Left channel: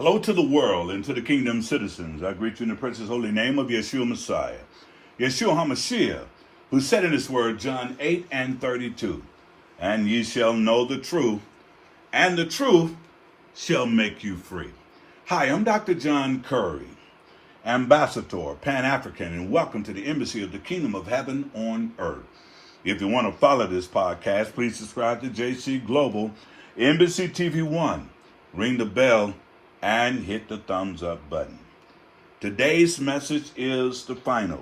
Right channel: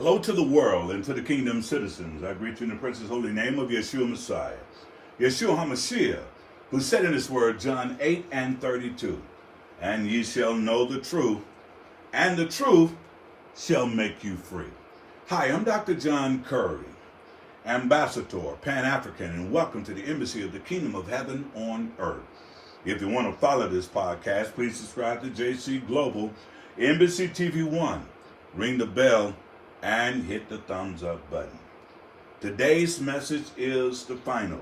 Hello to the world and to the kingdom citizens. I greet you in the precious holy name of Yeshua Messiah, Yeshua HaMashiach, who said in his word, John 8:32, and ye shall know the truth, and the truth shall make you free. Hi, I'm Dr. John Curry, Ambassador, Pan-African, and welcome to the Embassy of the Kingdom of Heaven on Earth. If you want to follow this podcast, please subscribe to JC Global, Embassy TV 1. Ring the bell and hit the thumbs up button. Today's message is the final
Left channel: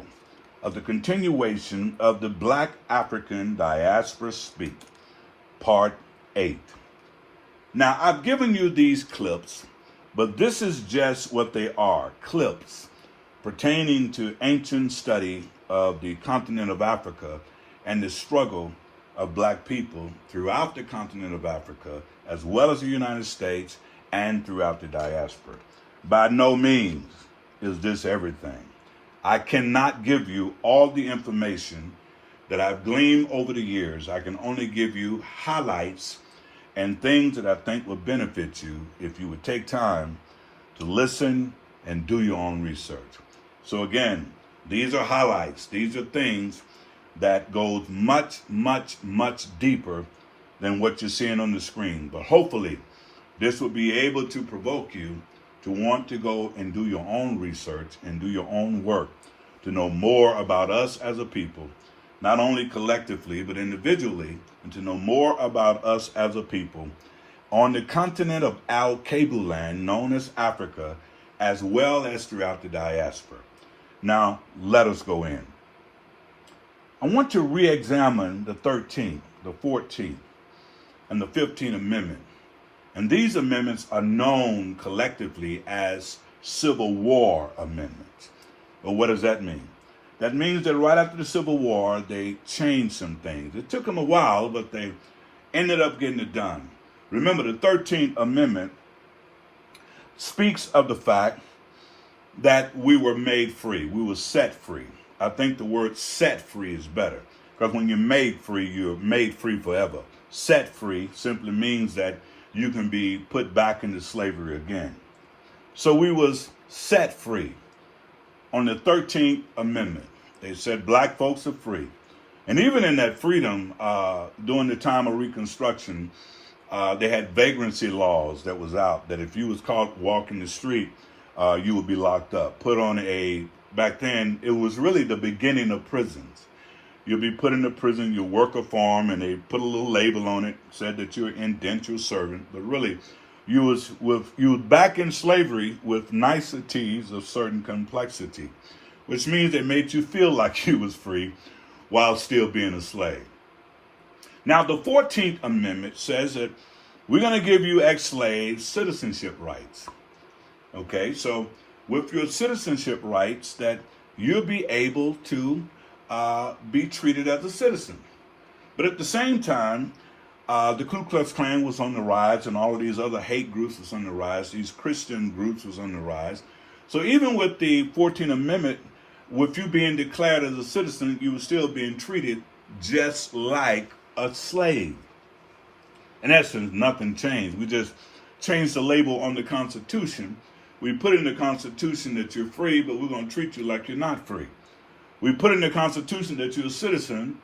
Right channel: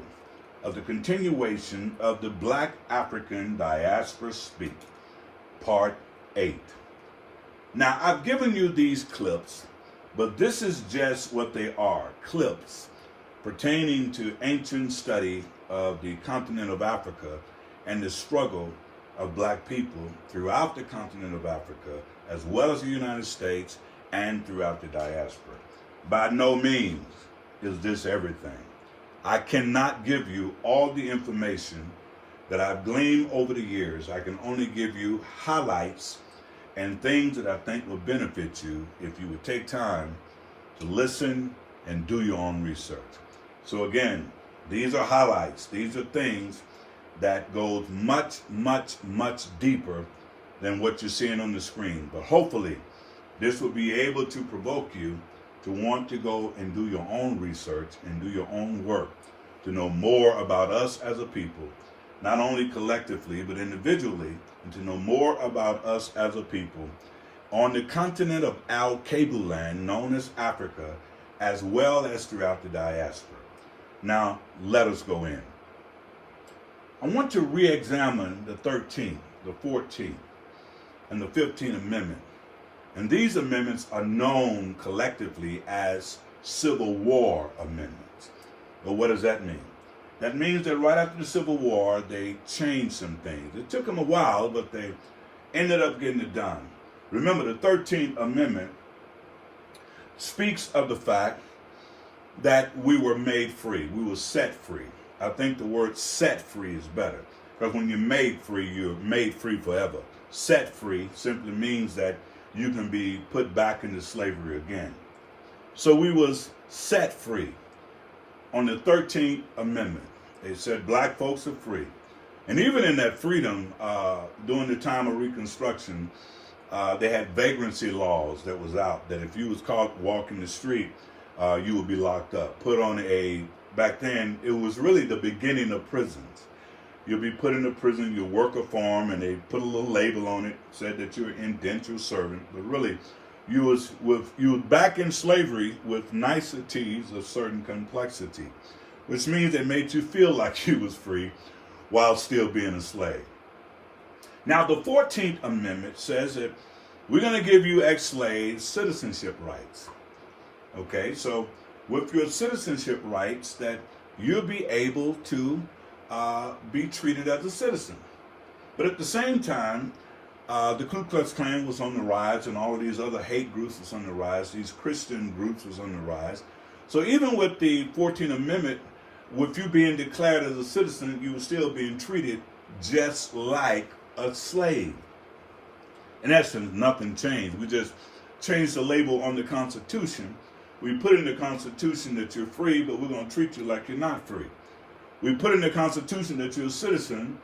of the continuation of the Black African Diaspora Speak, Part 8. Now, I've given you these clips, but this is just what they are, clips pertaining to ancient study of the continent of Africa and the struggle of Black people throughout the continent of Africa, as well as the United States and throughout the diaspora. By no means is this everything. I cannot give you all the information that I've gleaned over the years. I can only give you highlights and things that I think will benefit you if you would take time to listen and do your own research. So again, these are highlights. These are things that goes much, much, much deeper than what you're seeing on the screen. But hopefully, this will be able to provoke you to want to go and do your own research and do your own work to know more about us as a people, not only collectively, but individually, and to know more about us as a people on the continent of Al-Kabu land, known as Africa, as well as throughout the diaspora. Now, let us go in. I want to re-examine the 13th, the 14th, and the 15th Amendment. And these amendments are known collectively as Civil War amendments. But what does that mean? That means that right after the Civil War, they changed some things. It took them a while, but they ended up getting it done. Remember, the 13th Amendment speaks of the fact that we were made free. We were set free. I think the word set free is better, because when you're made free forever. Set free simply means that you can be put back into slavery again. So we was set free on the 13th Amendment. They said black folks are free. And even in that freedom, during the time of Reconstruction, they had vagrancy laws that was out, that if you was caught walking the street, you would be locked up. Back then, it was really the beginning of prisons. You'll be put into prison, you work a farm, and they put a little label on it, said that you're an indentured servant. But really, you was back in slavery with niceties of certain complexity, which means they made you feel like you was free while still being a slave. Now, the 14th Amendment says that we're going to give you ex-slaves citizenship rights. Okay, so with your citizenship rights, that you'll be able to be treated as a citizen. But at the same time, the Ku Klux Klan was on the rise, and all of these other hate groups was on the rise. These Christian groups was on the rise. So even with the 14th Amendment, with you being declared as a citizen, you were still being treated just like a slave. In essence, nothing changed. We just changed the label on the Constitution. We put in the Constitution that you're free, but we're going to treat you like you're not free. We put in the Constitution that you're a citizen,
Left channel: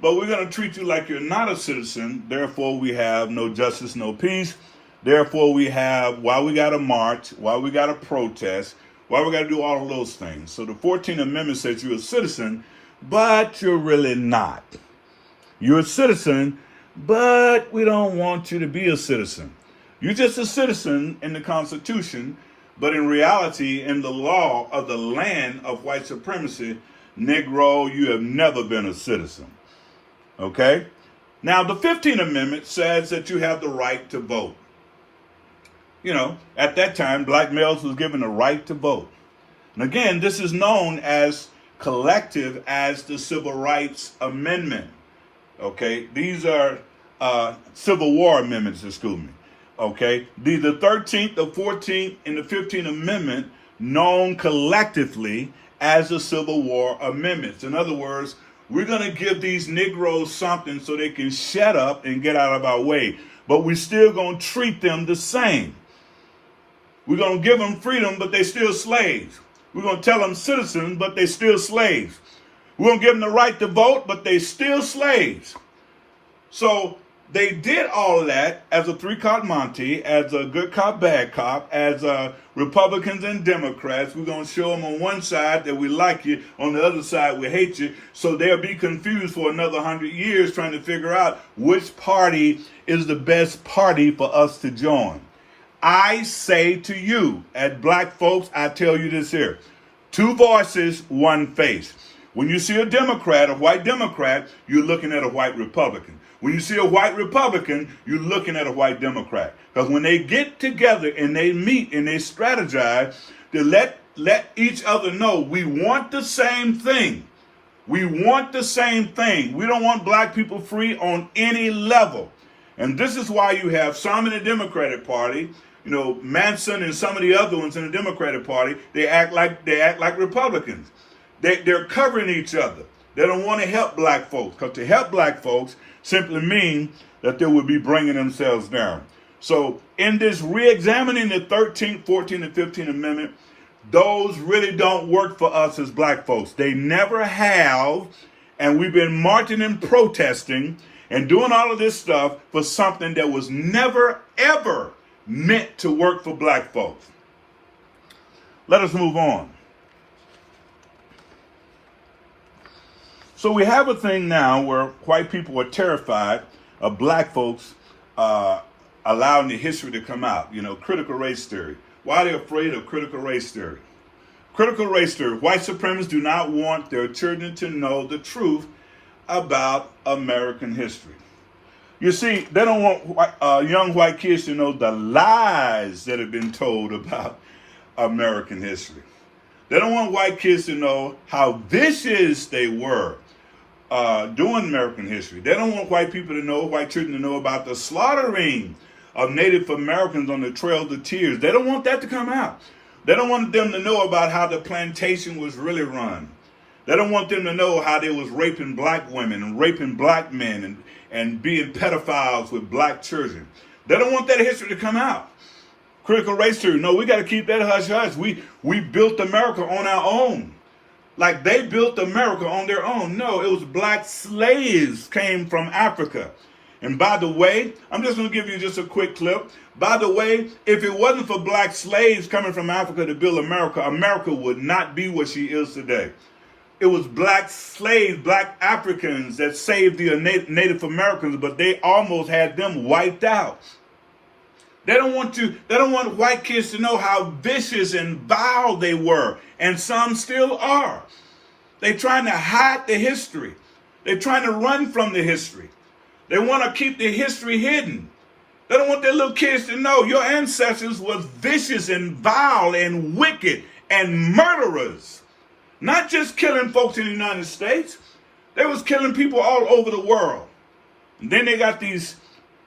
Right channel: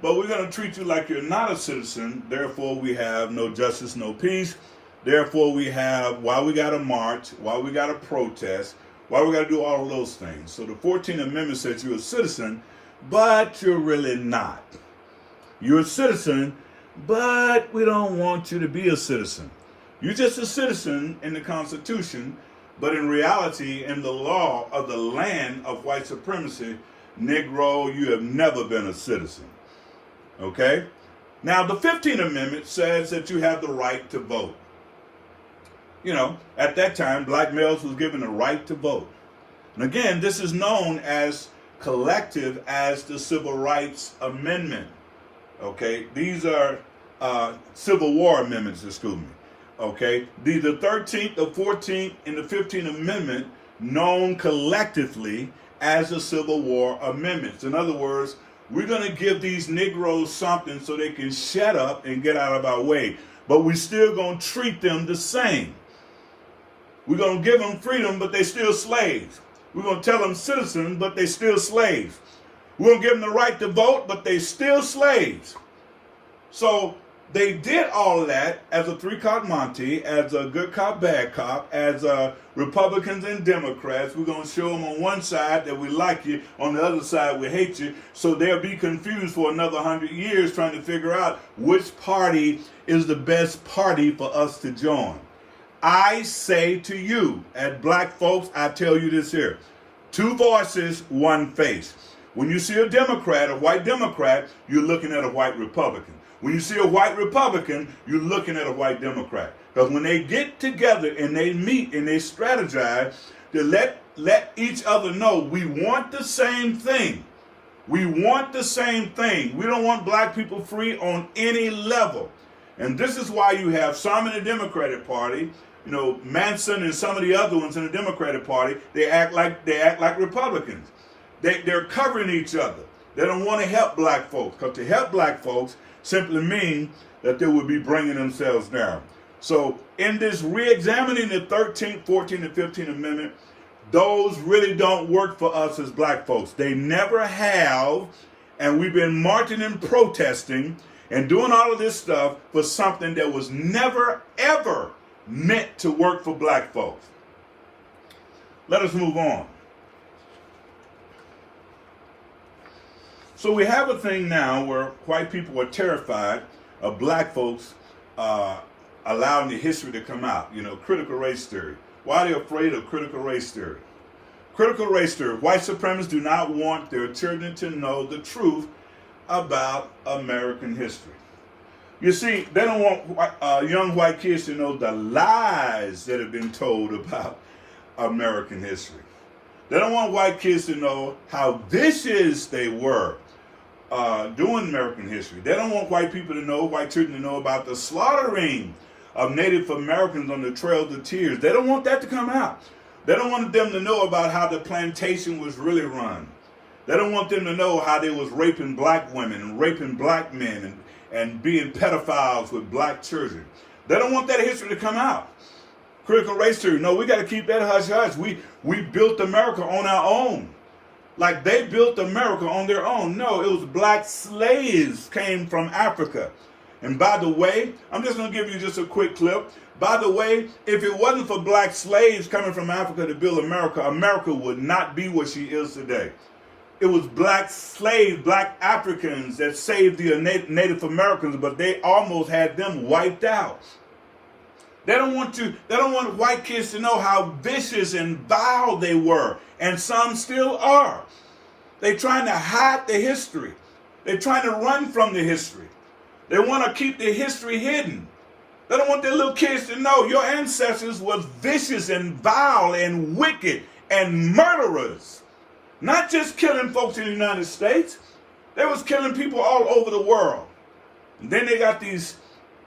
but we're going to treat you like you're not a citizen. Therefore, we have no justice, no peace. Therefore, we have why we got to march, why we got to protest, why we got to do all of those things. So the 14th Amendment says you're a citizen, but you're really not. You're a citizen, but we don't want you to be a citizen. You're just a citizen in the Constitution, but in reality, in the law of the land of white supremacy, Negro, you have never been a citizen. Okay? Now, the 15th Amendment says that you have the right to vote. You know, at that time, black males was given the right to vote. And again, this is known as collective as the Civil Rights Amendment. Okay? These are Civil War amendments, excuse me. Okay? The 13th, the 14th, and the 15th Amendment known collectively as the Civil War amendments. In other words, we're going to give these Negroes something so they can shut up and get out of our way. But we're still going to treat them the same. We're going to give them freedom, but they're still slaves. We're going to tell them citizens, but they're still slaves. We're going to give them the right to vote, but they're still slaves. So they did all of that as a three-card Monty, as a good cop, bad cop, as Republicans and Democrats. We're going to show them on one side that we like you, on the other side we hate you, so they'll be confused for another 100 years trying to figure out which party is the best party for us to join. I say to you, as black folks, I tell you this here: two voices, one face. When you see a Democrat, a white Democrat, you're looking at a white Republican. When you see a white Republican, you're looking at a white Democrat. Because when they get together and they meet and they strategize, to let each other know we want the same thing. We want the same thing. We don't want black people free on any level. And this is why you have some in the Democratic Party, Manson and some of the other ones in the Democratic Party, they act like Republicans. They're covering each other. They don't want to help black folks, because to help black folks simply means that they would be bringing themselves down. So in this re-examining the 13th, 14th, and 15th Amendment, those really don't work for us as black folks. They never have, and we've been marching and protesting and doing all of this stuff for something that was never, ever meant to work for black folks. Let us move on. So we have a thing now where white people are terrified of black folks allowing the history to come out. Critical race theory. Why are they afraid of critical race theory? Critical race theory. White supremacists do not want their children to know the truth about American history. You see, they don't want young white kids to know the lies that have been told about American history. They don't want white kids to know how vicious they were doing American history. They don't want white children to know about the slaughtering of Native Americans on the Trail of Tears. They don't want that to come out. They don't want them to know about how the plantation was really run. They don't want them to know how they was raping black women and raping black men and being pedophiles with black children. They don't want that history to come out. Critical race theory. No, we got to keep that hush-hush. We built America on our own. Like they built America on their own. No, it was black slaves came from Africa. And by the way, I'm just going to give you just a quick clip. By the way, if it wasn't for black slaves coming from Africa to build America, America would not be what she is today. It was black slaves, black Africans that saved the Native Americans, but they almost had them wiped out. They don't want white kids to know how vicious and vile they were, and some still are. They're trying to hide the history. They're trying to run from the history. They want to keep the history hidden. They don't want their little kids to know your ancestors was vicious and vile and wicked and murderers. Not just killing folks in the United States. They was killing people all over the world. And then they got these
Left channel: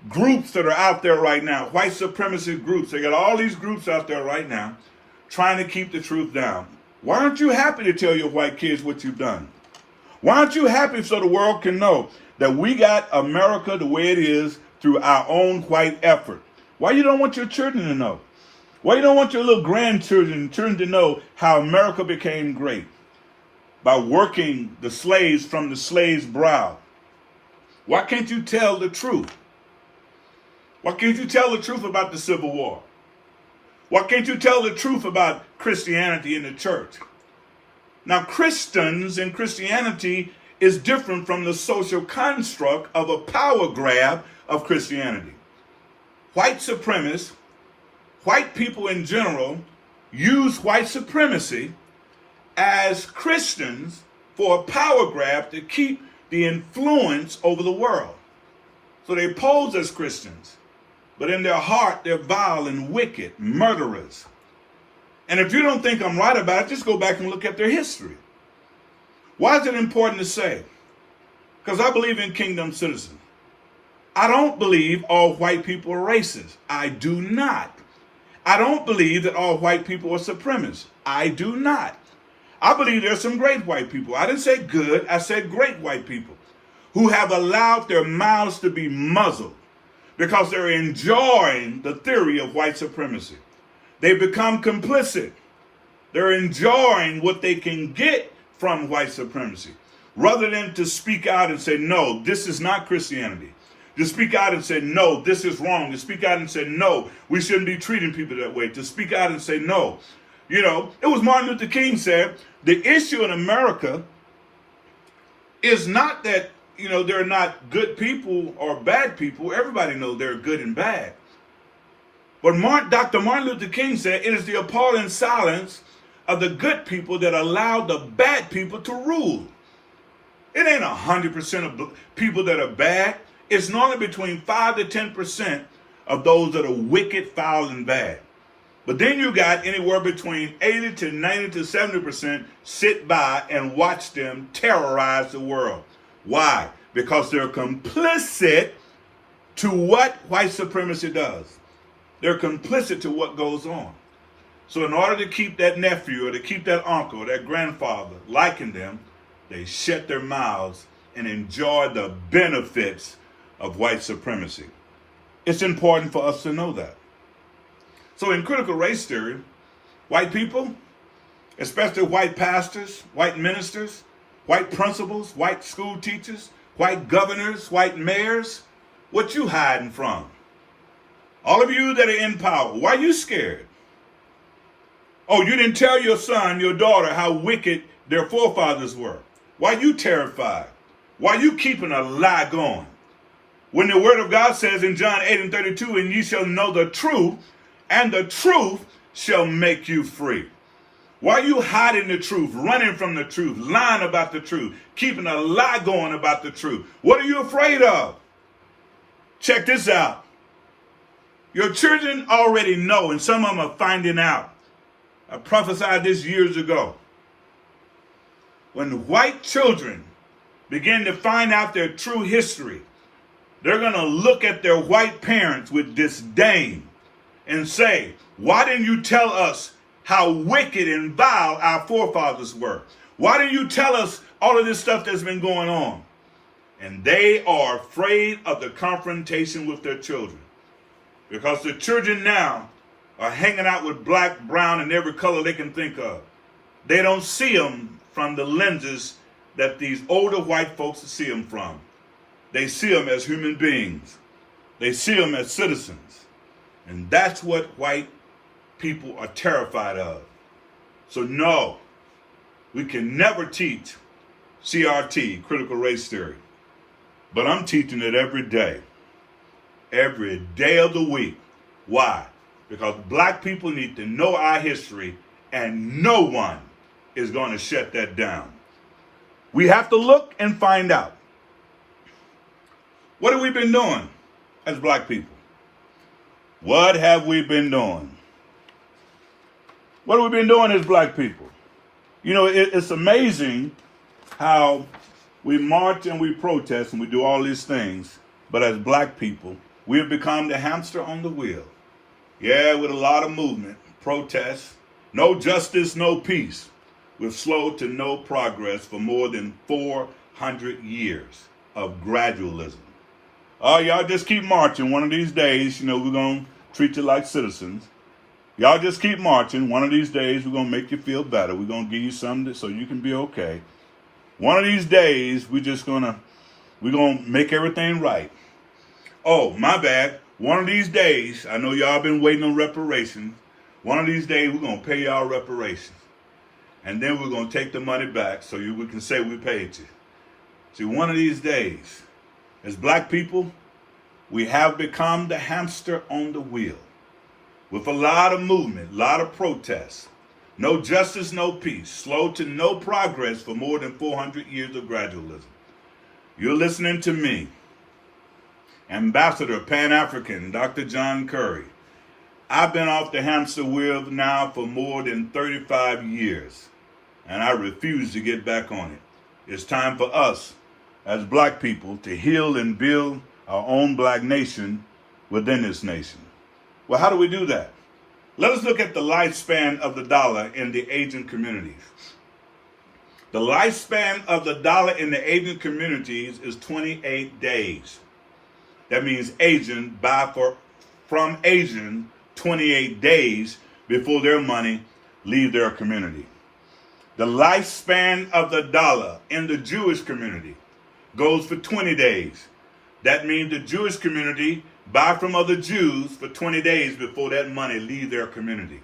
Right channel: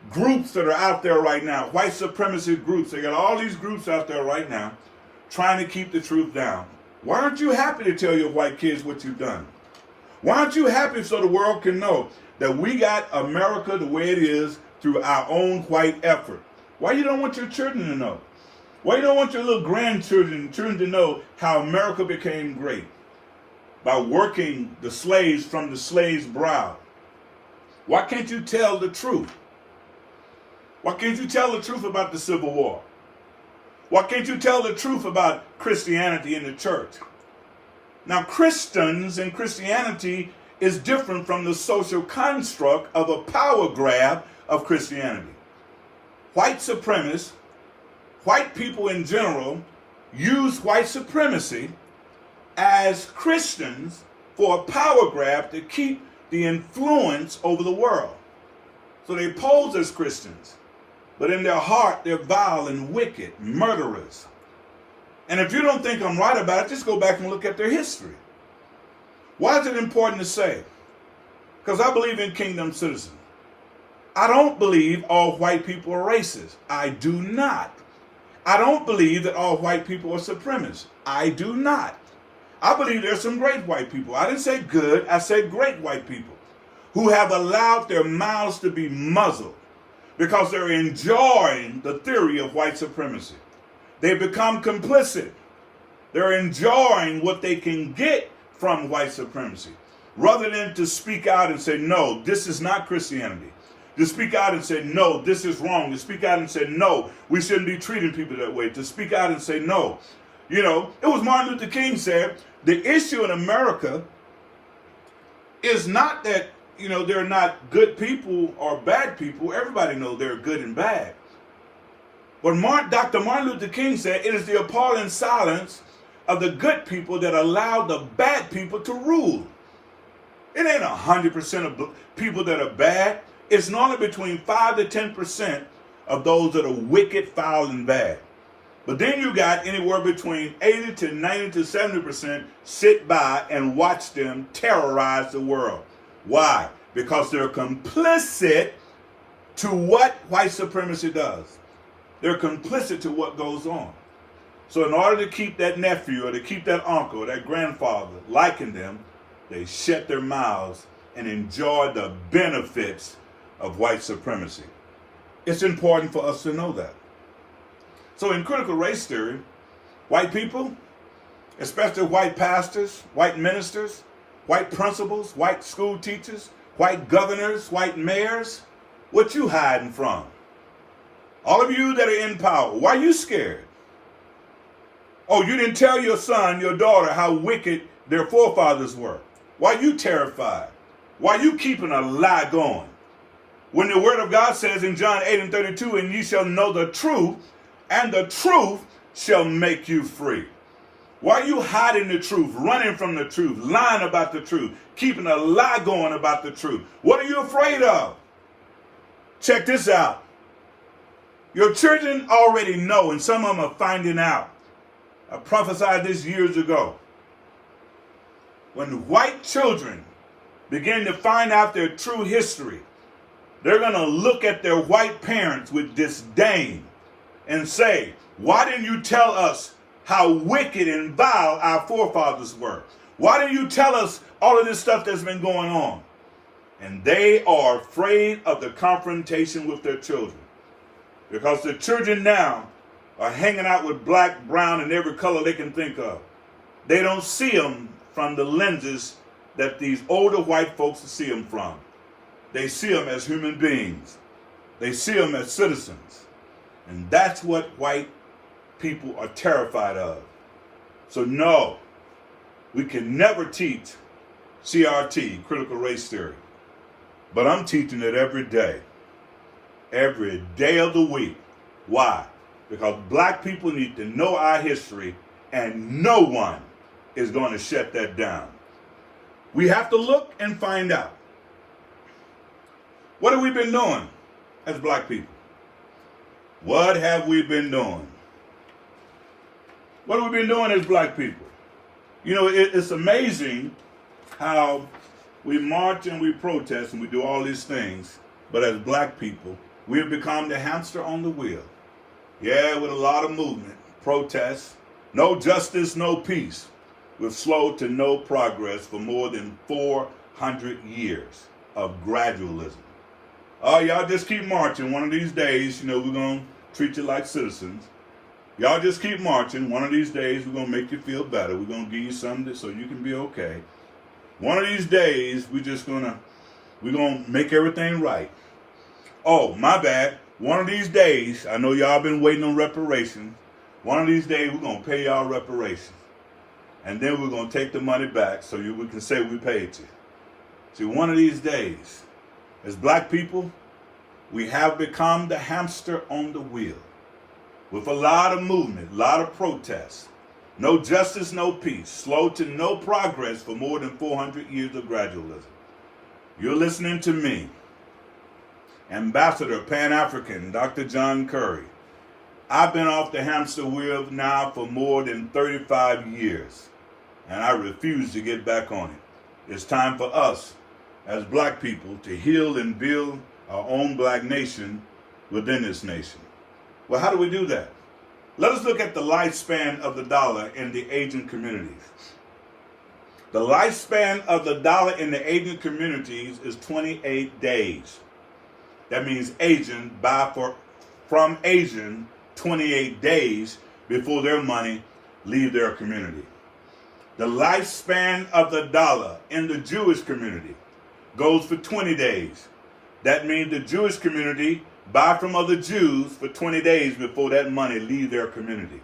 groups that are out there right now, white supremacist groups. They got all these groups out there right now trying to keep the truth down. Why aren't you happy to tell your white kids what you've done? Why aren't you happy so the world can know that we got America the way it is through our own white effort? Why you don't want your children to know? Why you don't want your little grandchildren to know how America became great? By working the slaves from the slave's brow. Why can't you tell the truth? Why can't you tell the truth about the Civil War? Why can't you tell the truth about Christianity in the church? Now, Christians and Christianity is different from the social construct of a power grab of Christianity. White supremacists, white people in general, use white supremacy as Christians for a power grab to keep the influence over the world. So they pose as Christians, but in their heart, they're vile and wicked, murderers. And if you don't think I'm right about it, just go back and look at their history. Why is it important to say? Because I believe in kingdom citizens. I don't believe all white people are racist. I do not. I don't believe that all white people are supremacists. I do not. I believe there's some great white people. I didn't say good, I said great white people who have allowed their mouths to be muzzled because they're enjoying the theory of white supremacy. They become complicit. They're enjoying what they can get from white supremacy, rather than to speak out and say, no, this is not Christianity. To speak out and say, no, this is wrong. To speak out and say, no, we shouldn't be treating people that way. To speak out and say, no. You know, it was Martin Luther King said, the issue in America is not that, you know, they're not good people or bad people. Everybody knows they're good and bad. But Dr. Martin Luther King said, it is the appalling silence of the good people that allow the bad people to rule. It ain't 100% of people that are bad. It's normally between 5 to 10% of those that are wicked, foul, and bad. But then you got anywhere between 80 to 90 to 70% sit by and watch them terrorize the world. Why? Because they're complicit to what white supremacy does. They're complicit to what goes on. So in order to keep that nephew or to keep that uncle or that grandfather liking them, they shut their mouths and enjoy the benefits of white supremacy. It's important for us to know that. So in critical race theory, white people, especially white pastors, white ministers, white principals, white school teachers, white governors, white mayors, what you hiding from? All of you that are in power, why are you scared? Oh, you didn't tell your son, your daughter, how wicked their forefathers were. Why are you terrified? Why are you keeping a lie going? When the word of God says in John 8:32, and ye shall know the truth, and the truth shall make you free. Why are you hiding the truth, running from the truth, lying about the truth, keeping a lie going about the truth? What are you afraid of? Check this out. Your children already know, and some of them are finding out. I prophesied this years ago. When white children begin to find out their true history, they're going to look at their white parents with disdain and say, why didn't you tell us how wicked and vile our forefathers were? Why didn't you tell us all of this stuff that's been going on? And they are afraid of the confrontation with their children, because the children now are hanging out with black, brown, and every color they can think of. They don't see them from the lenses that these older white folks see them from. They see them as human beings. They see them as citizens. And that's what white people are terrified of. So no, we can never teach CRT, critical race theory. But I'm teaching it every day of the week. Why? Because black people need to know our history, and no one is going to shut that down. We have to look and find out. What have we been doing as black people? What have we been doing? What have we been doing as black people? You know, it's amazing how we march and we protest and we do all these things, but as black people, we have become the hamster on the wheel. Yeah, with a lot of movement, protest, no justice, no peace, with slow to no progress for more than 400 years of gradualism. Oh, y'all just keep marching. One of these days, you know, we're going to treat you like citizens. Y'all just keep marching. One of these days, we're going to make you feel better. We're going to give you something so you can be okay. One of these days, we're going to make everything right. Oh, my bad. One of these days, I know y'all been waiting on reparations. One of these days, we're going to pay y'all reparations. And then we're going to take the money back so we can say we paid you. See, one of these days, as black people, we have become the hamster on the wheel with a lot of movement, a lot of protests, no justice, no peace, slow to no progress for more than 400 years of gradualism. You're listening to me, Ambassador Pan-African Dr. John Curry. I've been off the hamster wheel now for more than 35 years, and I refuse to get back on it. It's time for us as black people to heal and build our own black nation within this nation. Well, how do we do that? Let us look at the lifespan of the dollar in the Asian communities. The lifespan of the dollar in the Asian communities is 28 days. That means Asian, from Asian, 28 days, before their money leave their community. The lifespan of the dollar in the Jewish community goes for 20 days. That means the Jewish community buy from other Jews for 20 days before that money leave their community.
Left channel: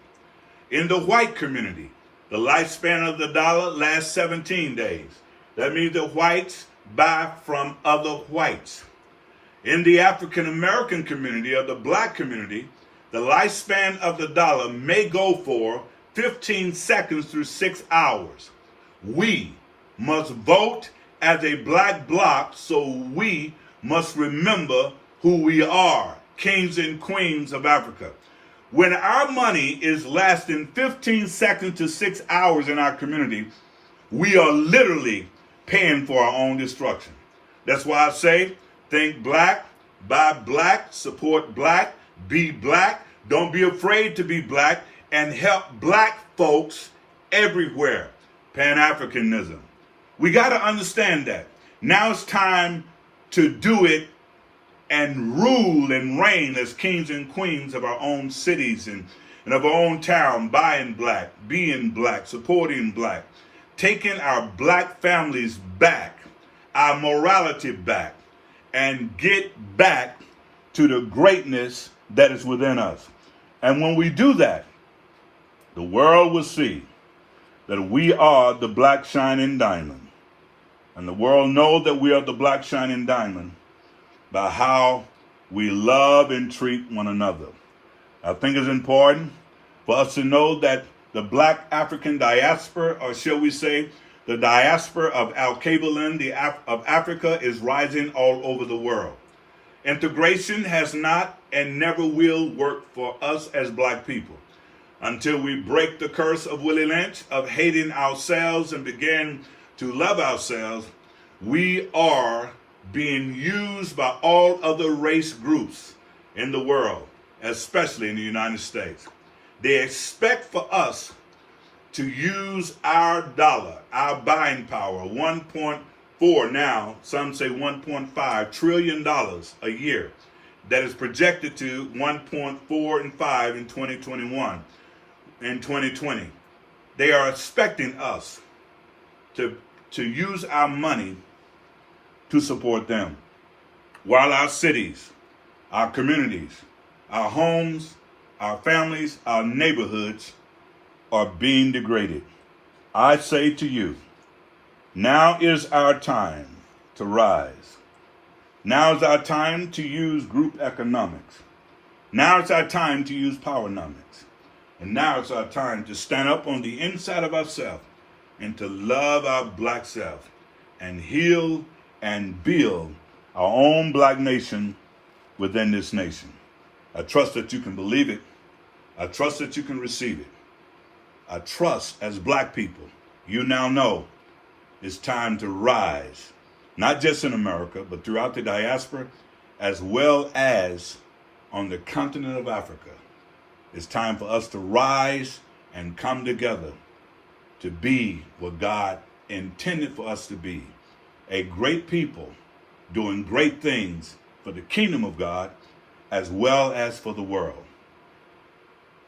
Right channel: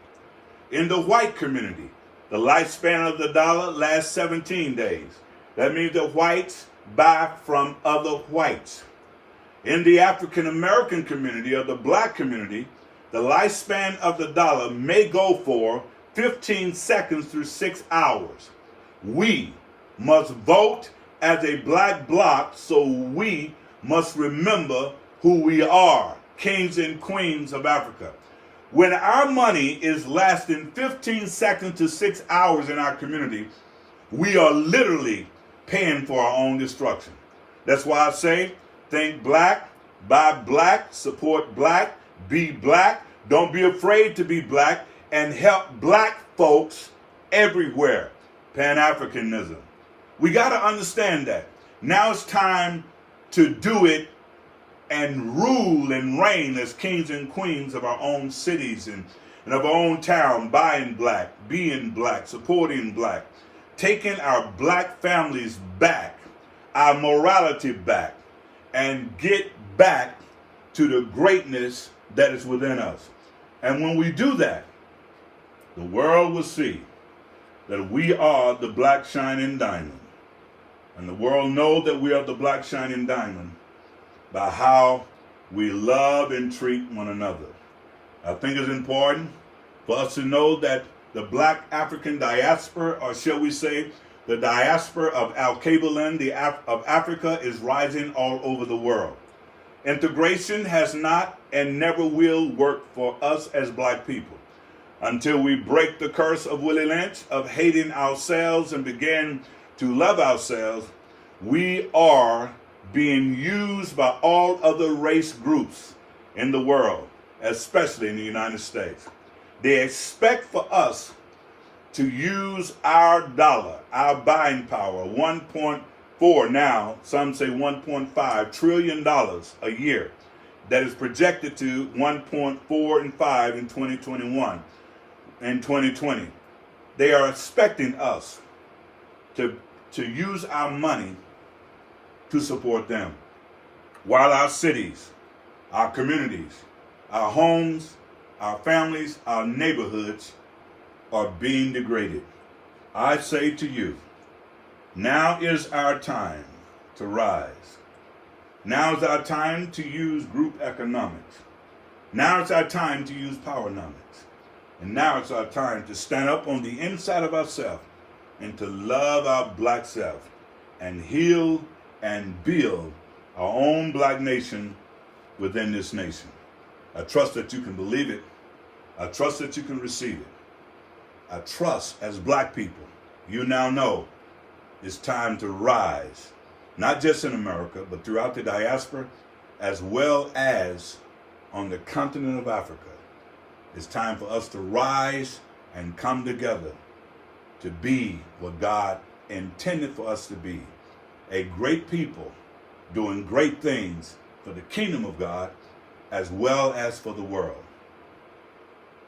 In the white community, the lifespan of the dollar lasts 17 days. That means the whites buy from other whites. In the African American community or the black community, the lifespan of the dollar may go for 15 seconds through 6 hours. We must vote as a black bloc, so we must remember who we are, kings and queens of Africa. When our money is lasting 15 seconds to 6 hours in our community, we are literally paying for our own destruction. That's why I say, think black, buy black, support black, be black. Don't be afraid to be black and help black folks everywhere. Pan-Africanism. We got to understand that. Now it's time to do it and rule and reign as kings and queens of our own cities and of our own town, buying black, being black, supporting black, taking our black families back, our morality back, and get back to the greatness that is within us. And when we do that, the world will see that we are the black shining diamond. And the world knows that we are the black shining diamond by how we love and treat one another. I think it's important for us to know that the black African diaspora, or shall we say, the diaspora of Al-Kabalan of Africa, is rising all over the world. Integration has not and never will work for us as black people until we break the curse of Willie Lynch of hating ourselves and begin to love ourselves. We are being used by all other race groups in the world, especially in the United States. They expect for us to use our dollar, our buying power, 1.4 now, some say $1.5 trillion a year, that is projected to 1.4 and 5 in 2021 and 2020. They are expecting us to use our money to support them, while our cities, our communities, our homes, our families, our neighborhoods are being degraded. I say to you, now is our time to rise. Now is our time to use group economics. Now it's our time to use powernomics. And now it's our time to stand up on the inside of ourselves and to love our black self and heal and build our own black nation within this nation. I trust that you can believe it. I trust that you can receive it. I trust as black people, you now know it's time to rise, not just in America, but throughout the diaspora, as well as on the continent of Africa. It's time for us to rise and come together to be what God intended for us to be, a great people doing great things for the kingdom of God as well as for the world.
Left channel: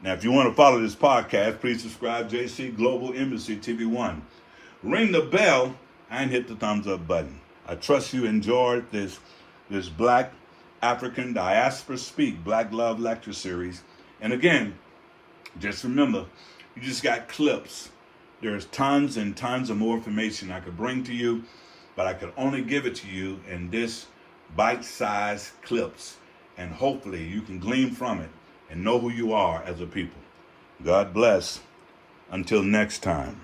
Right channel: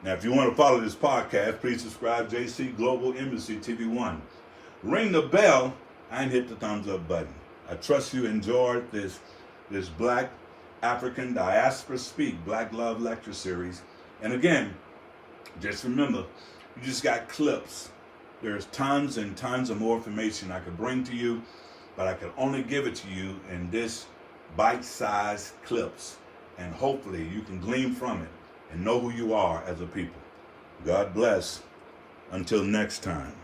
Now, if you want to follow this podcast, please subscribe JC Global Embassy TV1. Ring the bell and hit the thumbs up button. I trust you enjoyed this Black African Diaspora Speak Black Love Lecture Series. And again, just remember, you just got clips. There's tons and tons of more information I could bring to you, but I could only give it to you in this bite-sized clips. And hopefully you can glean from it and know who you are as a people. God bless. Until next time.